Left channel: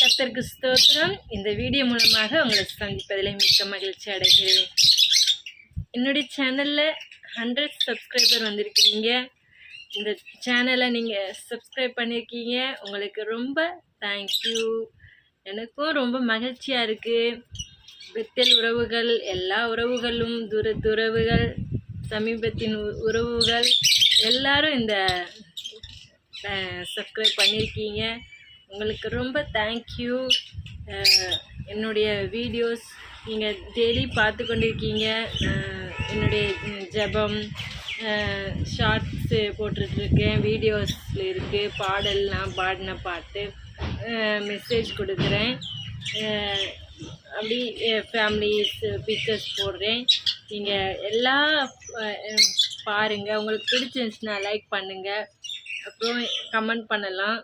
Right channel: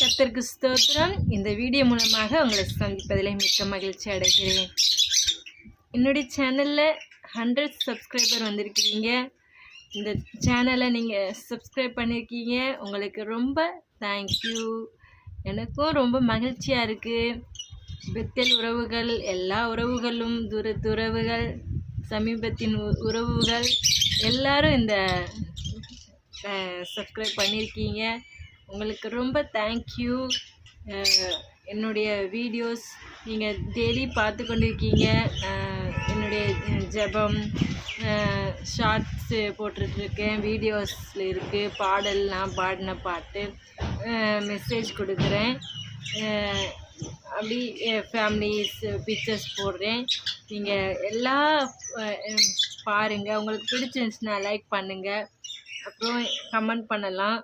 கர்த்தருக்கு ஸ்தோத்திரம். இந்த வீடியோ மூலமாக உங்களை சந்திப்பதில் மிக்க மகிழ்ச்சி அடைகிறேன். என்னுடைய சேனலில் 100 சப்ஸ்கிரைபர் வந்திருக்கிறீங்க. இந்த சேனலை நீங்கள் சப்ஸ்கிரைப் பண்ணியிருக்கீங்க. உங்களுக்கு ரொம்ப தேங்க்யூ. எனக்கும் ரொம்ப மகிழ்ச்சியாக இருக்குது. பெத்தேல் உறவுகள், எல்லா உறவுகளும், உறவுகள், சமீபத்தின் உறவுகள் எல்லாரும் இந்த சப்ஸ்கிரைப் பண்ணியிருக்கீங்க. உங்களுக்கு ரொம்ப தேங்க்யூ. என்னுடைய வீடியோஸ் நீங்கள் டெய்லி பார்த்து கொண்டிருக்கீங்க. என்னுடைய ஜெபம் ஷார்ட்ஸு போட்டுட்ருக்கேன், வீடியோஸில் இருக்குது, பாடல், நான் பாடின பாட்டு, மெசேஜ் கொடுக்குறேன், அப்படி ஃபேமிலிஸ் பிக்சர்ஸ் போடுறேன். நீங்கள் எல்லாம் பாருங்கள். உங்களுக்கு பிடிச்சிருந்துச்சுன்னா லைக் பண்ணுங்கள், அப்புறம் கமெண்ட் பண்ணலாம்.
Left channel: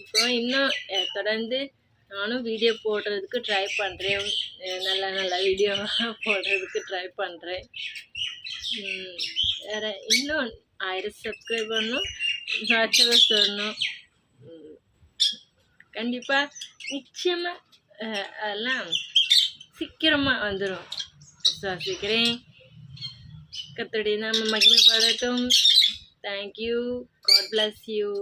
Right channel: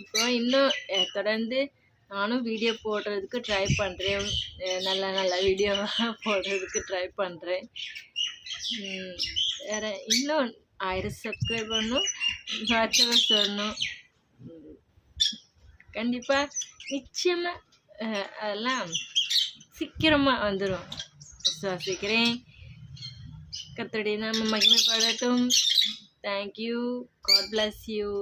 அப்புறம் இன்னும் தொடர்ந்து நானும் வீடியோ போடுறதுக்கு ட்ரை பண்ணுறேன். நல்ல வீடியோவாக போடுறதுக்கு ட்ரை பண்ணுறேன். வேறு இன்னும் 1000 சப்ஸ்கிரைப் பண்ணணும், வாட்சவர் சொல்லணும். கண்டிப்பாக நிச்சயமாக அதெல்லாம் சீக்கிரமாக வந்துடும் விசுவாசிக்கிறேன். கர்த்தருடைய நாமம் மகிமைப்படட்டும். தேங்க்யூ. God bless you.